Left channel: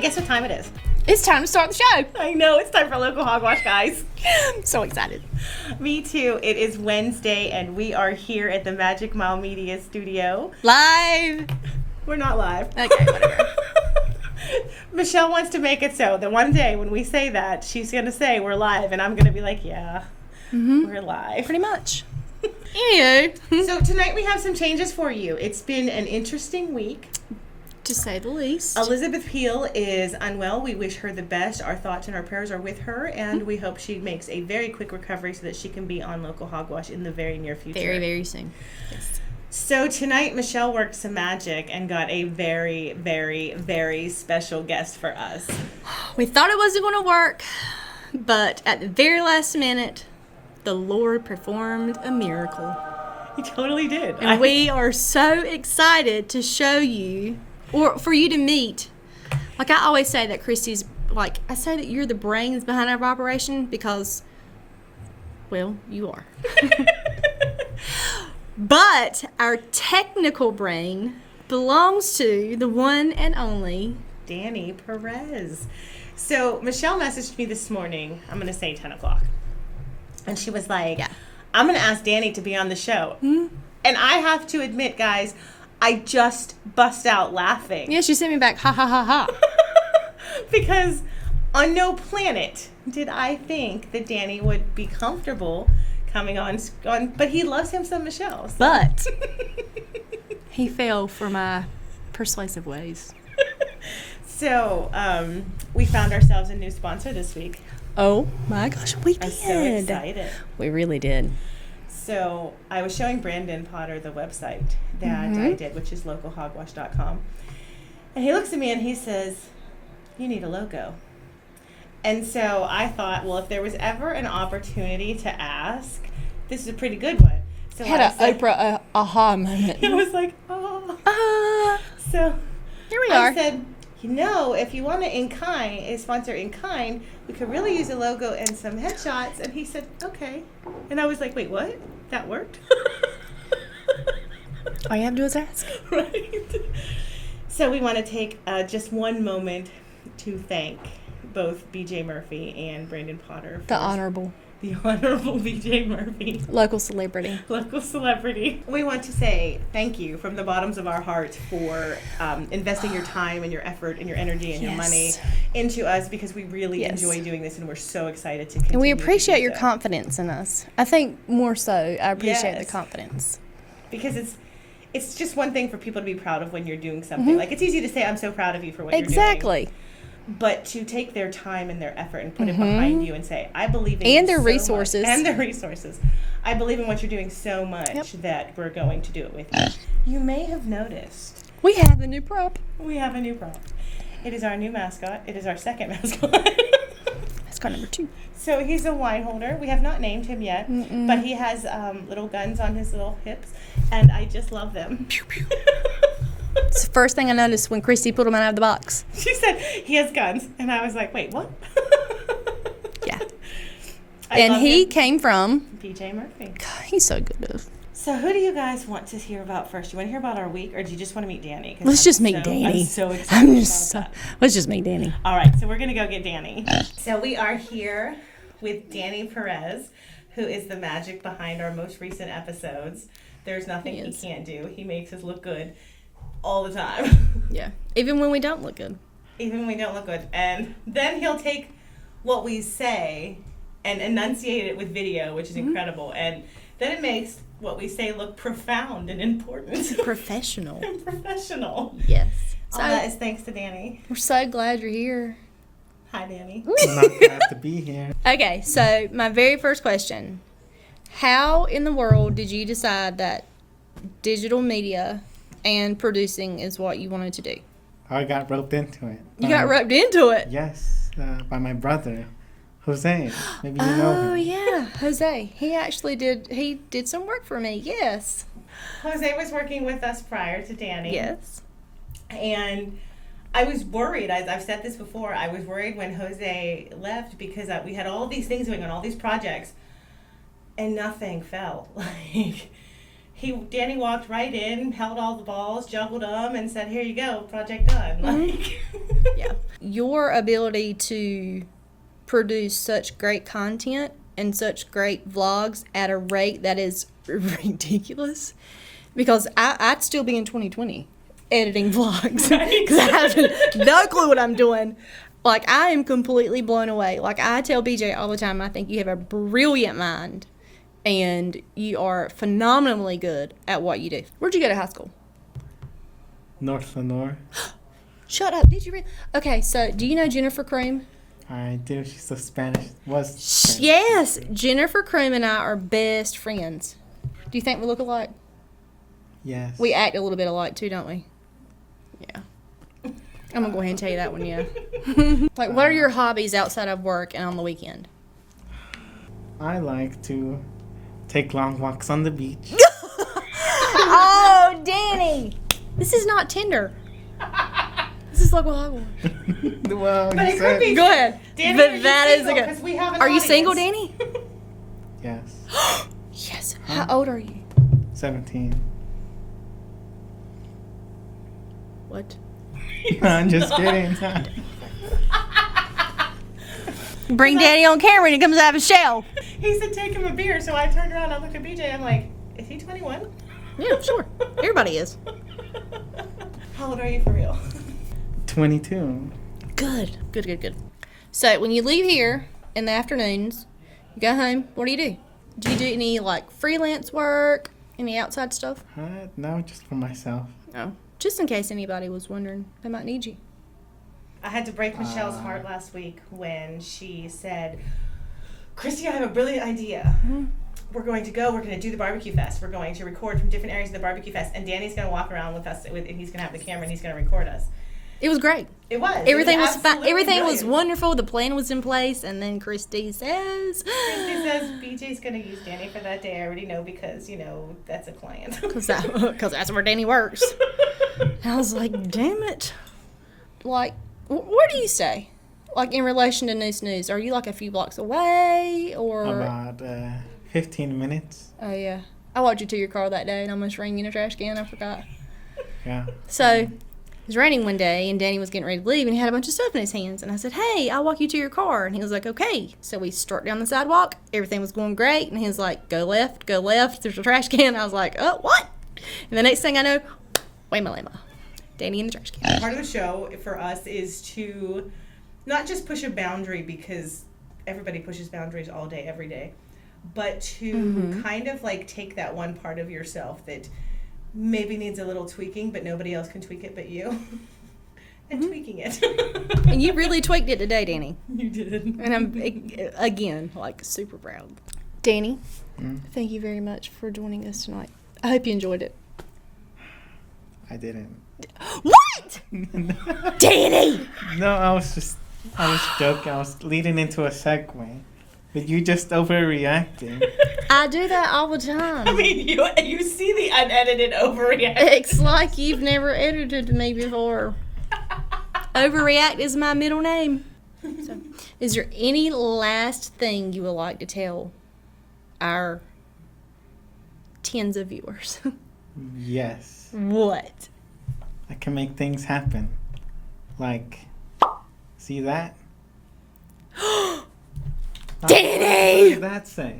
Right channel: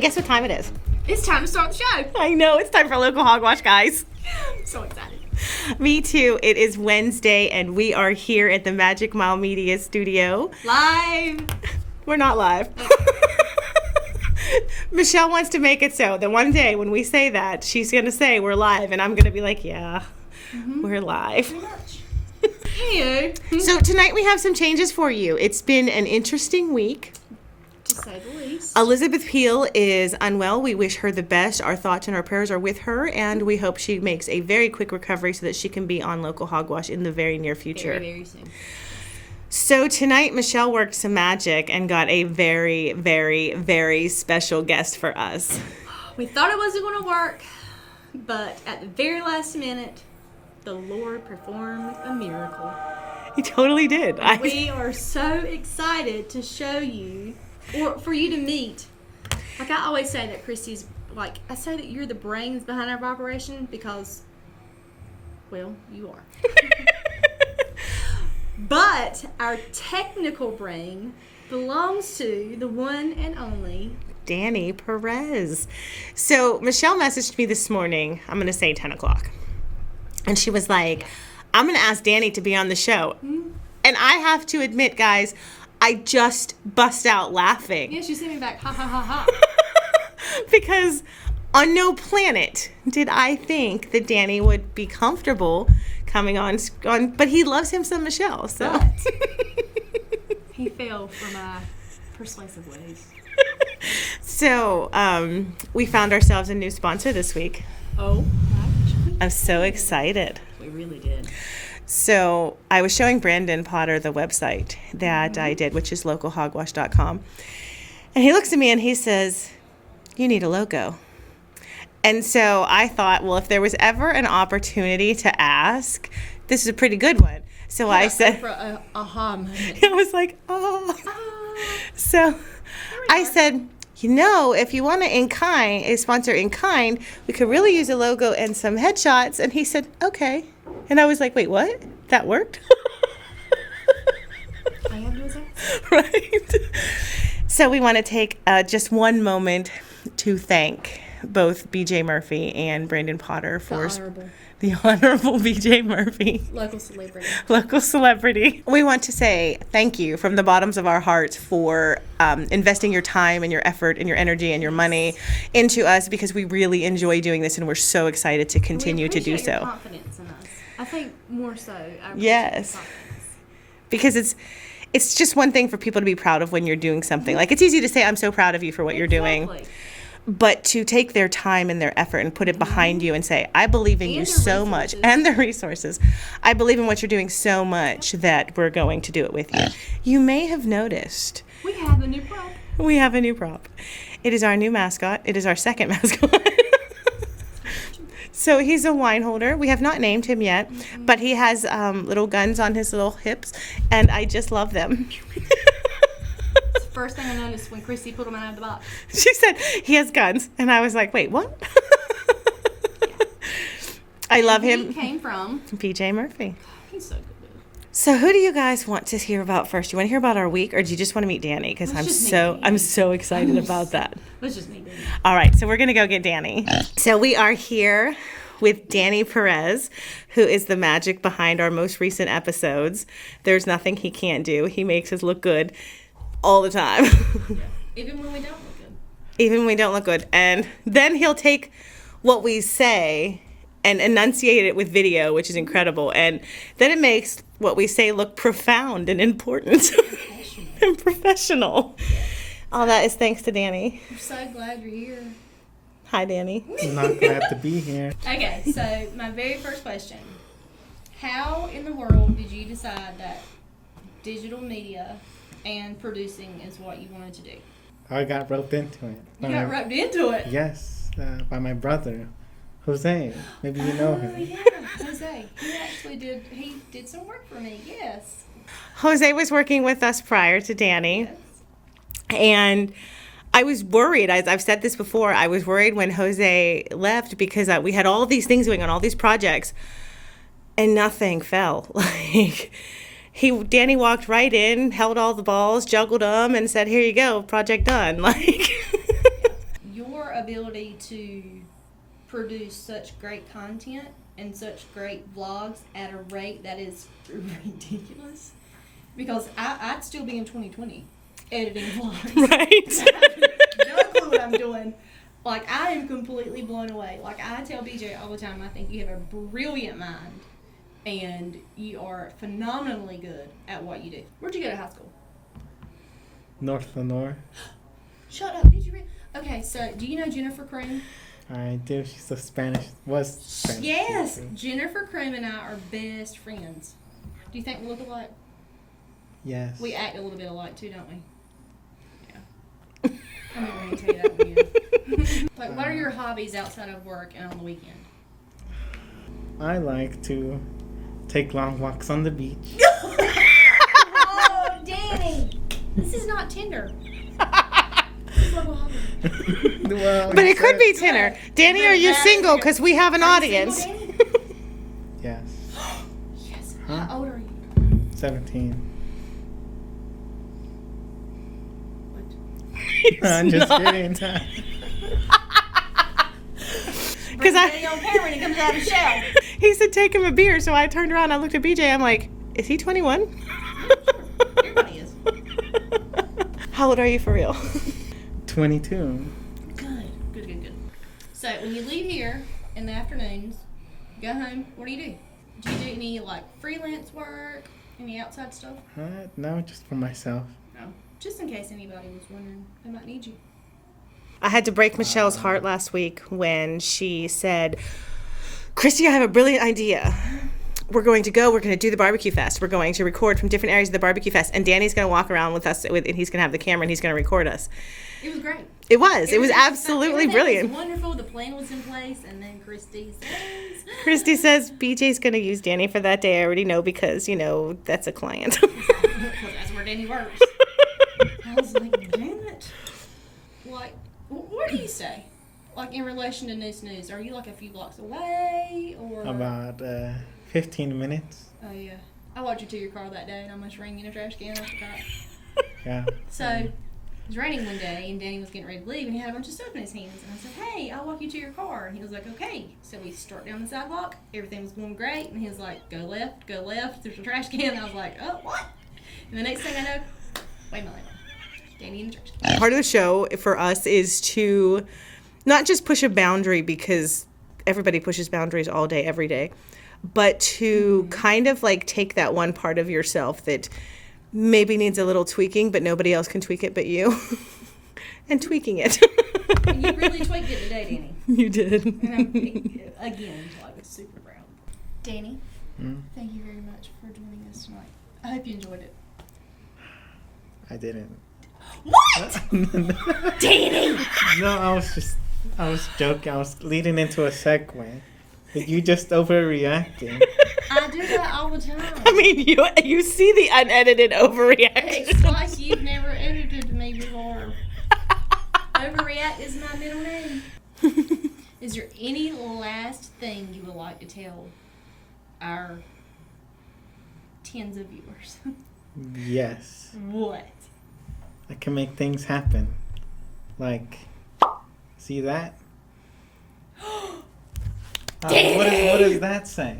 guess what time it is? It's time to start the show. I know, it's time for Local Hogwash, guys. I'm so excited. Me too. It is Wednesday, and we are here at the Magic Mile Media studio. Live. We're not live. Okay, whatever. Michelle wants to make it so that one day when we say that, she's going to say we're live, and I'm going to be like, yeah, we're live. Pretty much. Anywho. So tonight we have some changes for you. It's been an interesting week. To say the least. Elizabeth Peel is unwell. We wish her the best. Our thoughts and our prayers are with her, and we hope she makes a very quick recovery so that she can be on Local Hogwash in the very near future. Very, very soon. So tonight, Michelle worked some magic and got a very, very, very special guest for us. We thought it wasn't going to work, but at the very last minute, the Lord performed a miracle. He totally did. And we are so excited to show you, or for you to meet. Like I always say that Christy's, like, I say that you're the brains behind our operation because, well, you are. But our technical brain belongs to the one and only Danny Perez. So Michelle messaged me this morning, I'm going to say 10 o'clock. And she was like, I'm going to ask Danny to be on the show. And I have to admit, guys, I just bust out laughing. Yeah, she sent me back, ha, ha, ha, ha. Because on no planet did I think that Danny would be comfortable coming on, but he loves him some Michelle. So. But he fell for my persuasive ways. So we found ourselves a new sponsor this week. Oh my gosh, we did. I'm so excited. We really did. So I was showing Brandon Potter the website that I did, which is localhogwash.com. And he looks at me and he says, you need a logo. And so I thought, well, if there was ever an opportunity to ask, this is a pretty good one. So I said, Oprah aha moment. I was like, oh. So Here we are. I said, you know, if you want to sponsor in kind, we could really use a logo and some headshots. And he said, okay. And I was like, wait, what? That worked? All you have to do is ask. Right. So we want to take just one moment to thank both BJ Murphy and Brandon Potter for the honorable BJ Murphy, local celebrity. We want to say thank you from the bottoms of our hearts for investing your time and your effort and your energy and your money into us, because we really enjoy doing this and we're so excited to continue to do so. We appreciate your confidence in us. I think more so, I appreciate the confidence. Because it's just one thing for people to be proud of when you're doing something. Like, it's easy to say, I'm so proud of you for what you're doing. Exactly. But to take their time and their effort and put it behind you and say, I believe in you so much. And their resources. I believe in what you're doing so much that we're going to do it with you. You may have noticed. We have a new prop. It is our new mascot. It is our second mascot. Mascot number 2. So he's a wine holder. We have not named him yet, but he has little guns on his little hips, and I just love them. It's the first thing I noticed when Christy pulled him out of the box. She said, he has guns. And I was like, wait, what? Yeah. I love him. And he came from BJ Murphy. God, he's so good, though. So who do you guys want to hear about first? Do you want to hear about our week, or do you just want to meet Danny? Let's just meet Danny. I'm so excited about that. Let's just meet Danny. All right, so we're going to go get Danny. So we are here with Danny Perez, who is the magic behind our most recent episodes. There's nothing he can't do. He makes us look good all the time. Yeah. Even when we don't look good. And then he'll take what we say and enunciate it with video, which is incredible. And then it makes what we say look profound and important. Professional. Yes. All that is thanks to Danny. We're so glad you're here. Hi, Danny. I'm not glad to be here. Okay, so my very first question. How in the world did you decide that digital media and producing is what you wanted to do? I got roped into it. You got roped into it? Yes, by my brother, Jose. Maybe you know him. Oh, yeah, Jose. He did some work for me, yes. Jose was working with us prior to Danny. Yes. And I was worried, as I've said this before, I was worried when Jose left because we had all these things going on, all these projects, and nothing fell. Like, Danny walked right in, held all the balls, juggled them, and said, "Here you go, project done." Like, yeah. your ability to produce such great content and such great vlogs at a rate that is ridiculous, because I'd still be in 2020 editing vlogs. Right. 'Cause I have no clue what I'm doing. Like, I am completely blown away. Like, I tell BJ all the time, I think you have a brilliant mind and you are phenomenally good at what you do. Where'd you go to high school? North Lenore. Shut up. Did you read? Okay, so do you know Jennifer Croom? I do. She's a Spanish. Was Spanish Yes. teacher. Jennifer Croom and I are best friends. Do you think we look alike? Yes. We act a little bit alike too, don't we? Yeah. I'm going to go ahead and tell you that one, yeah. Like, what are your hobbies outside of work and on the weekend? I like to take long walks on the beach. Oh, Danny! This is not Tinder. This is local highway. Well, But you it could said- be Good. Tinder. Danny, But are you that is single? good. Because we have an Are audience. you single, Danny? Yes. Yes. Huh? How old are you? 17. What? I'm just kidding. Bring Danny on camera and he comes out of his shell. He said take him a beer, so I turned around, I looked at BJ, I'm like, is he 21? Yeah, sure. Everybody is. How old are you for real? 22. Good. Good, good, good. So when you leave here in the afternoons, you go home, what do you do? Do you do any, like, freelance work? Any outside stuff? No, just for myself. No. Just in case anybody was wondering, they might need you. I had to break Michelle's heart last week when she said, Christy, I have a brilliant idea. We're going to do the barbecue fest. We're going to record from different areas of the barbecue fest, and Danny's going to walk around with us, and he's going to have the camera, and he's going to record us. It was great. It was. Everything it was was fine. absolutely Everything brilliant. was wonderful. The plan was in place, and then Christy says, Christy says BJ's going to use Danny for that day. I already know because, that's a client. because that's where Danny works. I was like, damn it. Like, what do you say? Like, in relation to Noose News, are you like a few blocks away, or? About 15 minutes. Oh, yeah. I walked you to your car that day and almost ran you in a trash can. I forgot. Yeah. So, it was raining one day, and Danny was getting ready to leave, and he had a bunch of stuff in his hands. And I said, hey, I'll walk you to your car. And he was like, okay. So we struck down the sidewalk. Everything was going great. And he was like, go left, go left. There's a trash can. I was like, oh, what? And the next thing I know, wait my lama. Danny in the trash can. Part of the show for us is to not just push a boundary, because everybody pushes boundaries all day, every day, but to kind of like take that one part of yourself that maybe needs a little tweaking, but nobody else can tweak it but you, and tweaking it. And you really tweaked it today, Danny. You did. And I'm, again, like, super proud. Danny, thank you very much for joining us tonight. I hope you enjoyed it. I didn't. What? Danny! No, I was joking. I was leading into a segue. But you just overreacting. I do that all the time. I mean, you see the unedited overreaction. It's like you've never edited me before. Overreact is my middle name. Is there any last thing you would like to tell our tens of viewers? Yes. What? I can make things happen. Like, see that? What does that say?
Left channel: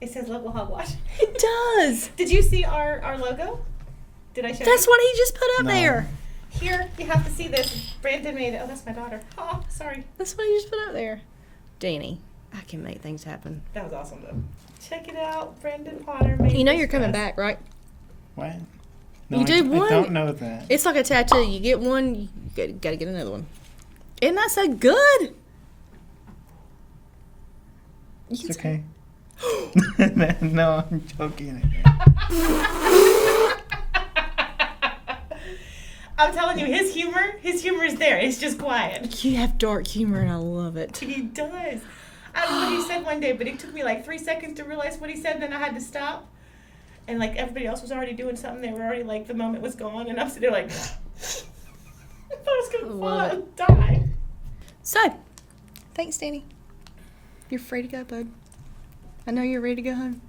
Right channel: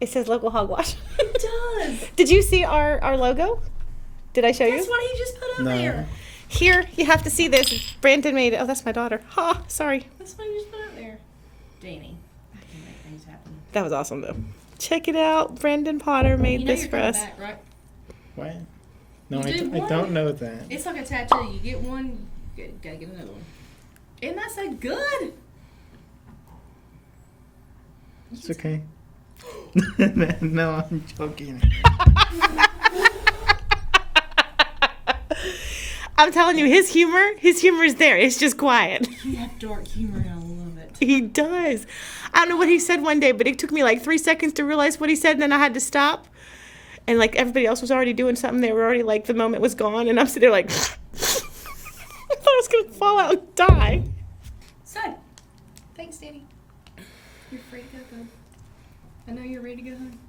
It says local hogwash. It does. Did you see our logo? Did I show That's you? what he just put up No. there. Here, you have to see this. Brandon made it. Oh, that's my daughter. Ha, sorry. That's what he just put up there. Danny, I can make things happen. That was awesome, though. Check it out. Brandon Potter made You know this you're for coming us. back, right? What? No, You I, do d- one. I don't know that. It's like a tattoo. You get one, you gotta get another one. Isn't that so good? It's okay. No, I'm joking. I'm telling you, his humor is there. It's just quiet. You have dark humor and I love it. He does. I don't know what he said one day, but it took me like 3 seconds to realize what he said, and then I had to stop. And like everybody else was already doing something. They were already like, the moment was gone, and I'm sitting there like, I thought I was gonna fall out and die. So, thanks, Danny. You're free to go, bud. I know you're ready to go home.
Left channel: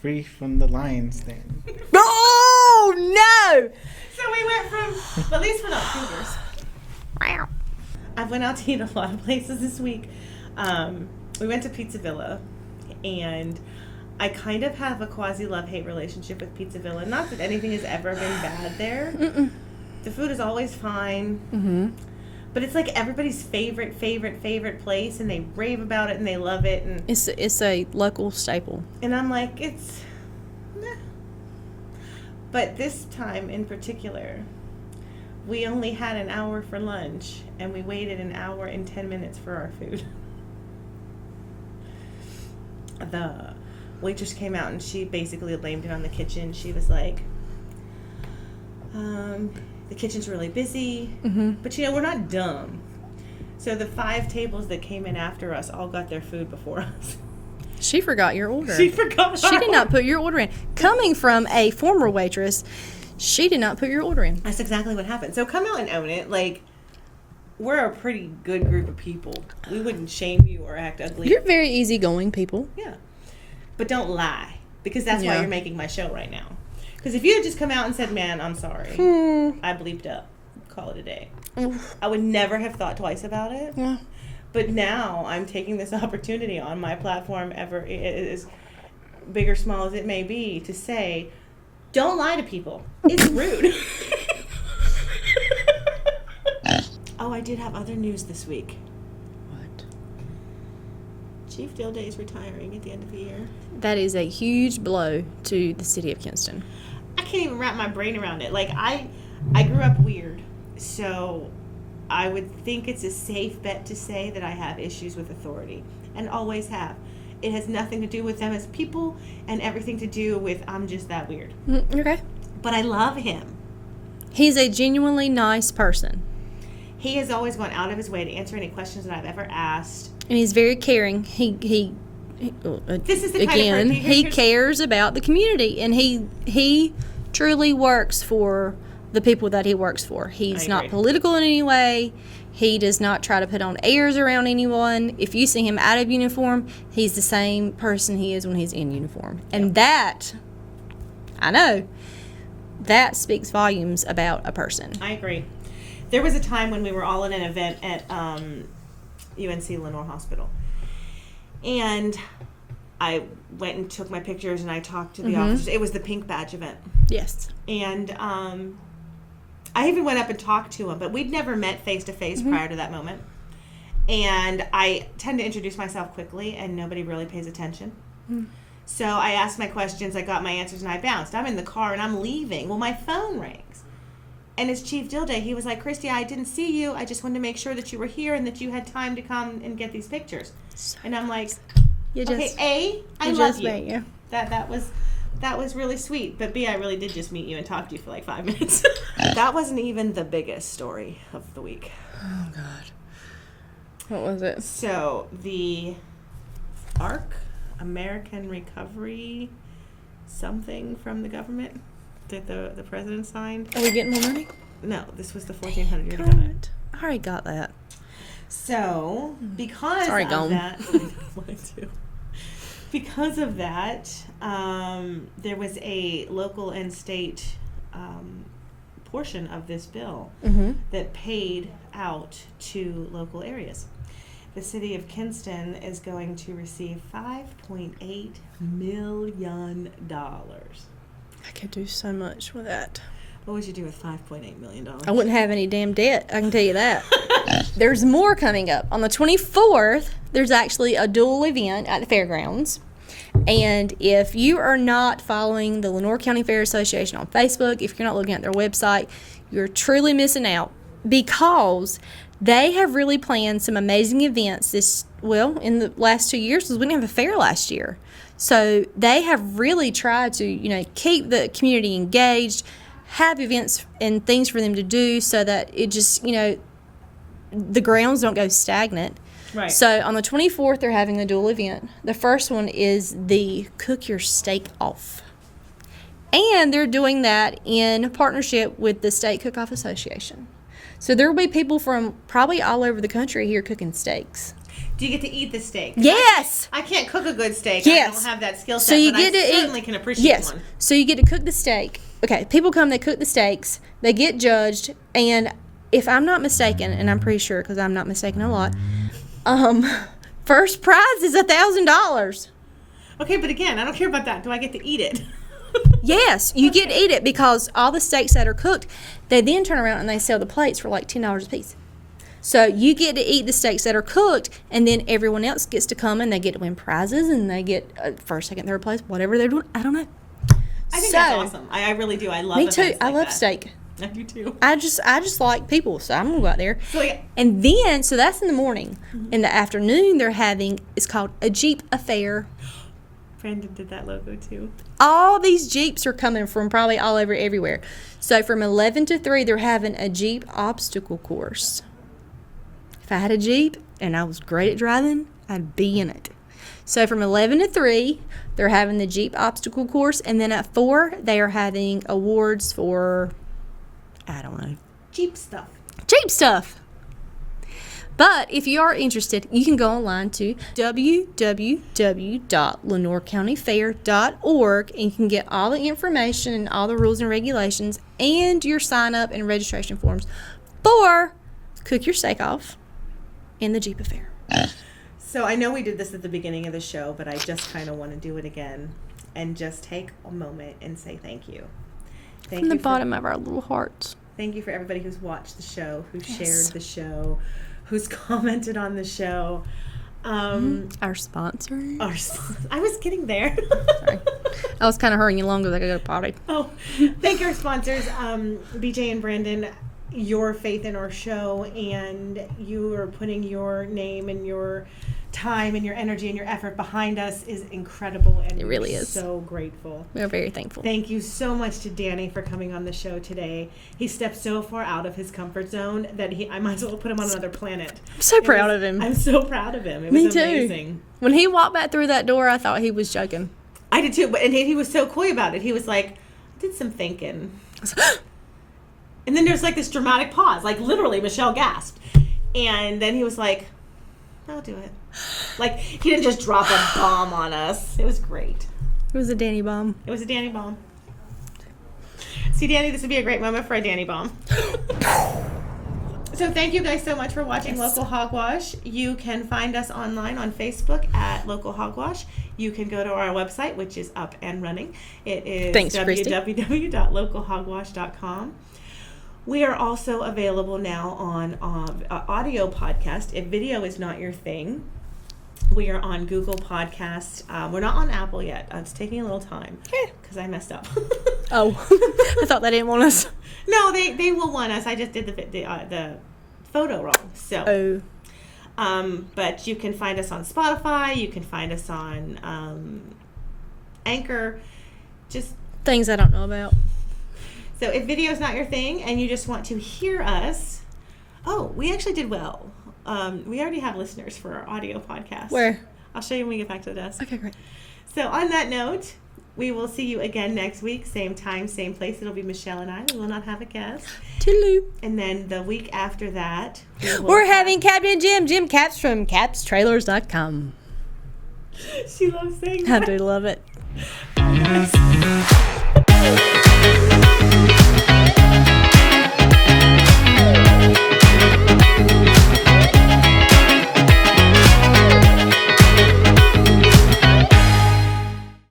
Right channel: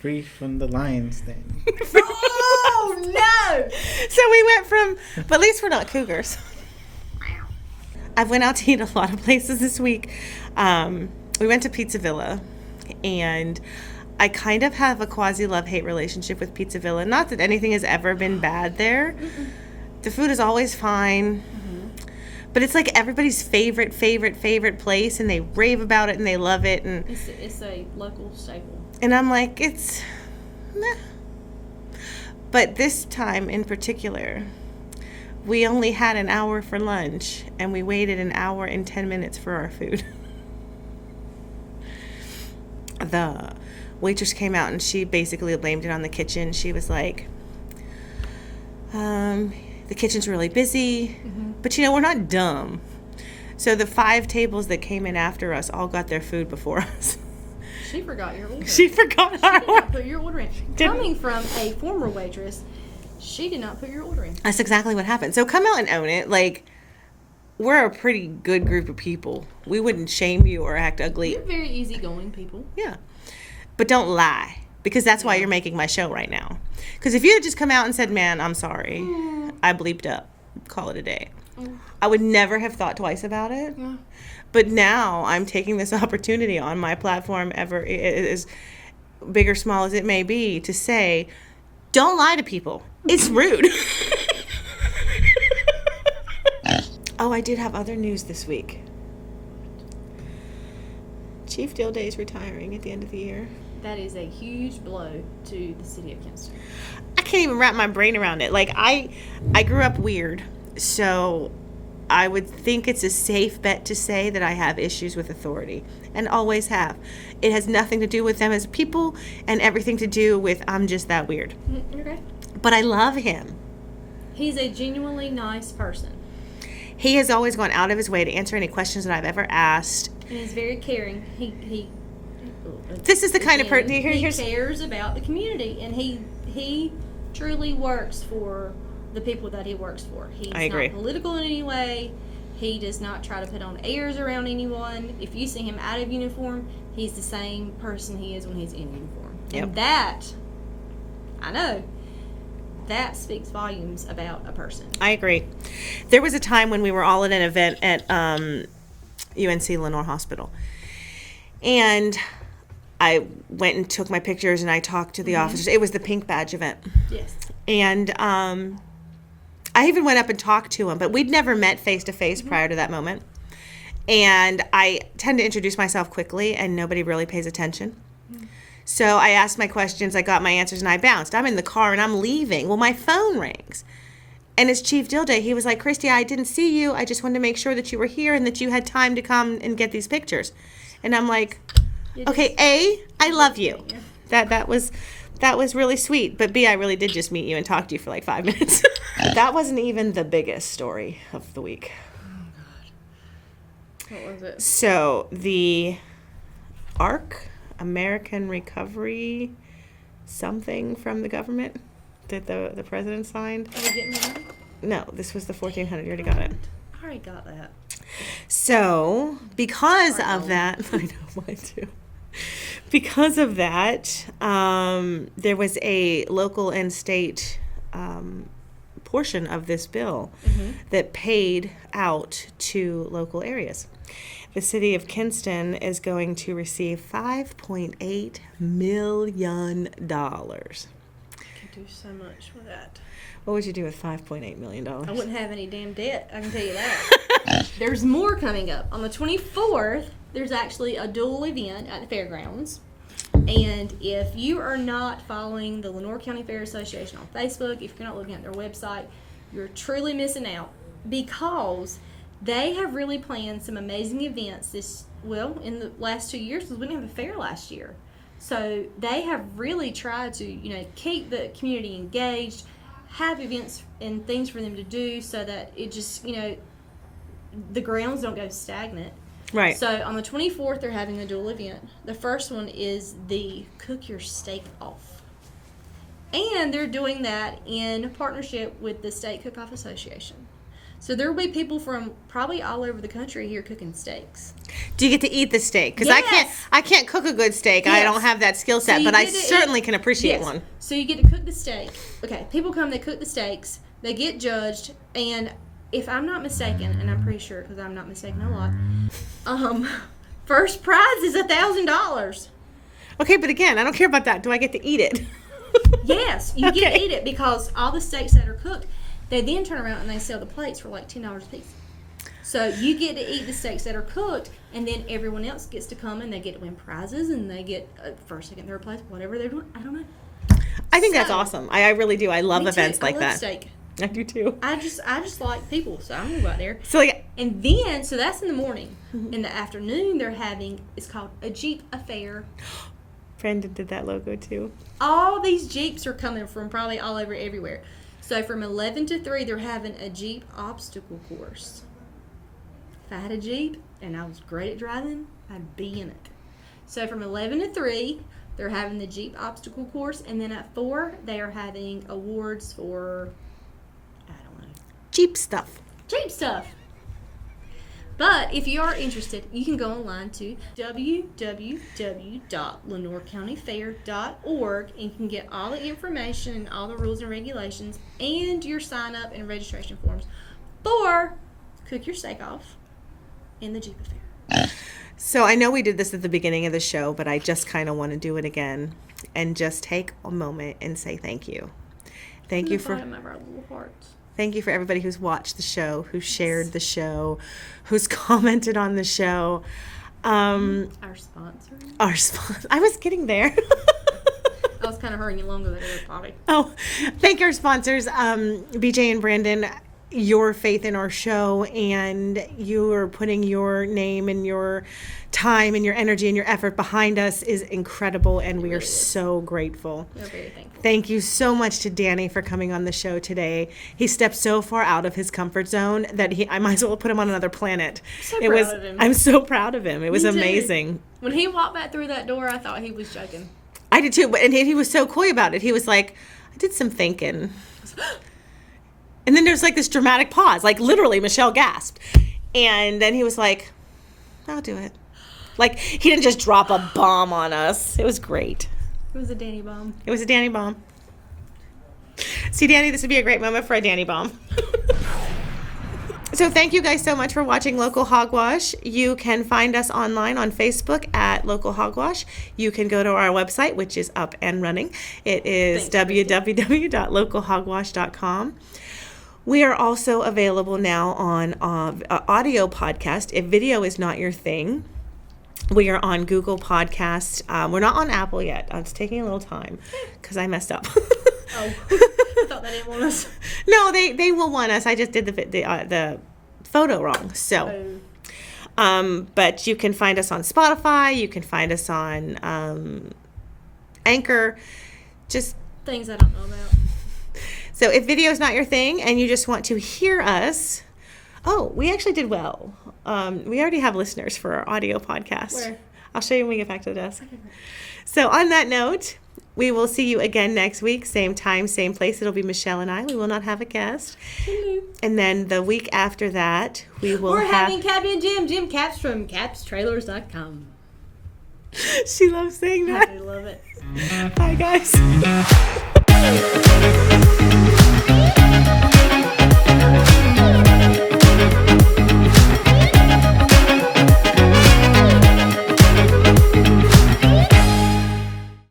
Free from the lions thing. Oh, no! So we went from, but at least we're not cougars. I went out to eat a lot of places this week. We went to Pizza Villa, and I kind of have a quasi love-hate relationship with Pizza Villa. Not that anything has ever been bad there. The food is always fine. But it's like everybody's favorite place, and they rave about it and they love it. And It's a local staple. And I'm like, it's... Nah. But this time in particular, we only had an hour for lunch, and we waited an hour and 10 minutes for our food. The waitress came out, and she basically blamed it on the kitchen. She was like, the kitchen's really busy, but we're not dumb. So the 5 tables that came in after us all got their food before us. She forgot your order. She forgot. She did not put your order in. Coming from a former waitress, she did not put your order in. That's exactly what happened. So come out and own it. Like, we're a pretty good group of people. We wouldn't shame you or act ugly. You're very easygoing people. Yeah. But don't lie, because that's why you're making my show right now. Because if you had just come out and said, man, I'm sorry, I bleeped up, call it a day, I would never have thought twice about it. Yeah. But now I'm taking this opportunity on my platform, ever as big or small as it may be, to say, don't lie to people. It's rude. Oh, I did have other news this week. What? Chief Dilday is retiring at the end of the year. That is a huge blow to the city of Kinston. I can't even wrap my brain around it. Like, I grew up weird, so I would think it's a safe bet to say that I have issues with authority, and always have. It has nothing to do with them as people and everything to do with I'm just that weird. Okay. But I love him. He's a genuinely nice person. He has always gone out of his way to answer any questions that I've ever asked. And he's very caring. This is the kind of person he cares about the community, and he truly works for the people that he works for. He's not political in any way. He does not try to put on airs around anyone. If you see him out of uniform, he's the same person he is when he's in uniform. And that, I know, that speaks volumes about a person. I agree. There was a time when we were all at an event at UNC Lenore Hospital. And I went and took my pictures, and I talked to the officers. It was the Pink Badge event. Yes. And I even went up and talked to him, but we'd never met face-to-face prior to that moment. And I tend to introduce myself quickly, and nobody really pays attention. So I asked my questions, I got my answers, and I bounced. I'm in the car, and I'm leaving. Well, my phone rings. And it's Chief Dilday. He was like, Christy, I didn't see you. I just wanted to make sure that you were here and that you had time to come and get these pictures. And I'm like, okay, I love you. That was really sweet. But B, I really did just meet you and talk to you for like 5 minutes. That wasn't even the biggest story of the week. Oh, God. What was it? So the ARC, American Recovery something from the government that the president signed. Are we getting more money? No, this was the 1400. You already got it. I already got that. So, because Sorry, of Dome. that, I know, mine too. Because of that, there was a local and state portion of this bill that paid out to local areas. The city of Kinston is going to receive $5.8 million. I could do so much with that. What would you do with $5.8 million? I wouldn't have any damn debt, I can tell you that. There's more coming up. On the 24th, there's actually a dual event at the fairgrounds. And if you are not following the Lenore County Fair Association on Facebook, if you're not looking at their website, you're truly missing out, because they have really planned some amazing events in the last 2 years, because we didn't have a fair last year. So they have really tried to, keep the community engaged, have events and things for them to do so that it just, the grounds don't go stagnant. Right. So on the 24th, they're having a dual event. The first one is the Cook Your Steak Off. And they're doing that in partnership with the State Cook-Off Association. So there will be people from probably all over the country here cooking steaks. Do you get to eat the steak? Yes. I can't cook a good steak. Yes. I don't have that skill set, but I certainly can appreciate one. So you get to cook the steak. Okay, people come, they cook the steaks, they get judged, and if I'm not mistaken, and I'm pretty sure because I'm not mistaken a lot, first prize is $1,000. Okay, but again, I don't care about that. Do I get to eat it? Yes, you get to Okay. eat it because all the steaks that are cooked, they then turn around and they sell the plates for like $10 a piece. So you get to eat the steaks that are cooked, and then everyone else gets to come and they get to win prizes, and they get first, second, third place, whatever they're doing. I don't know. I think that's So- awesome. I really do. I love Me too. events like I love that. steak. I do too. I just like people, so I'm gonna go out there. So like, And then, so that's in the morning. In the afternoon, they're having, it's called a Jeep Affair. Brandon did that logo too. All these Jeeps are coming from probably all over everywhere. So from 11 to 3, they're having a Jeep obstacle course. If I had a Jeep and I was great at driving, I'd be in it. So from 11 to 3, they're having the Jeep obstacle course. And then at 4, they are having awards for, I don't know, Jeep stuff. Jeep stuff. But if you are interested, you can go online to www.lenorecountyfair.org and you can get all the information and all the rules and regulations and your sign up and registration forms for Cook Your Steak Off in the Jeep Affair. So I know we did this at the beginning of the show, but I just kind of want to do it again and just take a moment and say thank you. Thank From you the for bottom of our little hearts. Thank you for everybody who's watched the show, who's shared the show, who's commented on the show. Our sponsor. Our sponsor. I was getting there. I was kind of hurrying you along because I got to go potty. Oh, thank our sponsors, BJ and Brandon. Your faith in our show, and you are putting your name and your time and your energy and your effort behind us is incredible, and we really are is. so grateful. We are very thankful. Thank you so much to Danny for coming on the show today. He stepped so far out of his comfort zone that I might as well put him on another planet. So proud of him. I'm so proud of him. It was Me too. amazing. When he walked back through that door, I thought he was joking. I did too, and he was so coy about it. He was like, I did some thinking. And then there's like this dramatic pause, like literally Michelle gasped. And then he was like, I'll do it. Like he didn't just drop a bomb on us. It was great. It was a Danny bomb. It was a Danny bomb. See, Danny, this would be a great moment for a Danny bomb. So thank you guys so much for watching Local Hogwash. You can find us online on Facebook at Local Hogwash. You can go to our website, which is up and running. It is Thanks, Christy. www.localhogwash.com. We are also available now on audio podcast. If video is not your thing, we are on Google Podcast. We're not on Apple yet. It's taking a little time because I messed up. Oh, I thought they didn't want us. No, they will want us. I just did the photo wrong. So, but you can find us on Spotify. You can find us on Anchor. Just Things I don't know about. so if video is not your thing and you just want to hear us, we actually did well. We already have listeners for our audio podcast. Where? I'll show you when we get back to the desk. Okay, great. So on that note, we will see you again next week, same time, same place. It'll be Michelle and I. We will not have a guest. Toodaloo. And then the week after that, We're having Captain Jim Caps from capstrailers.com. She loves saying I that. do love it. Bye, guys.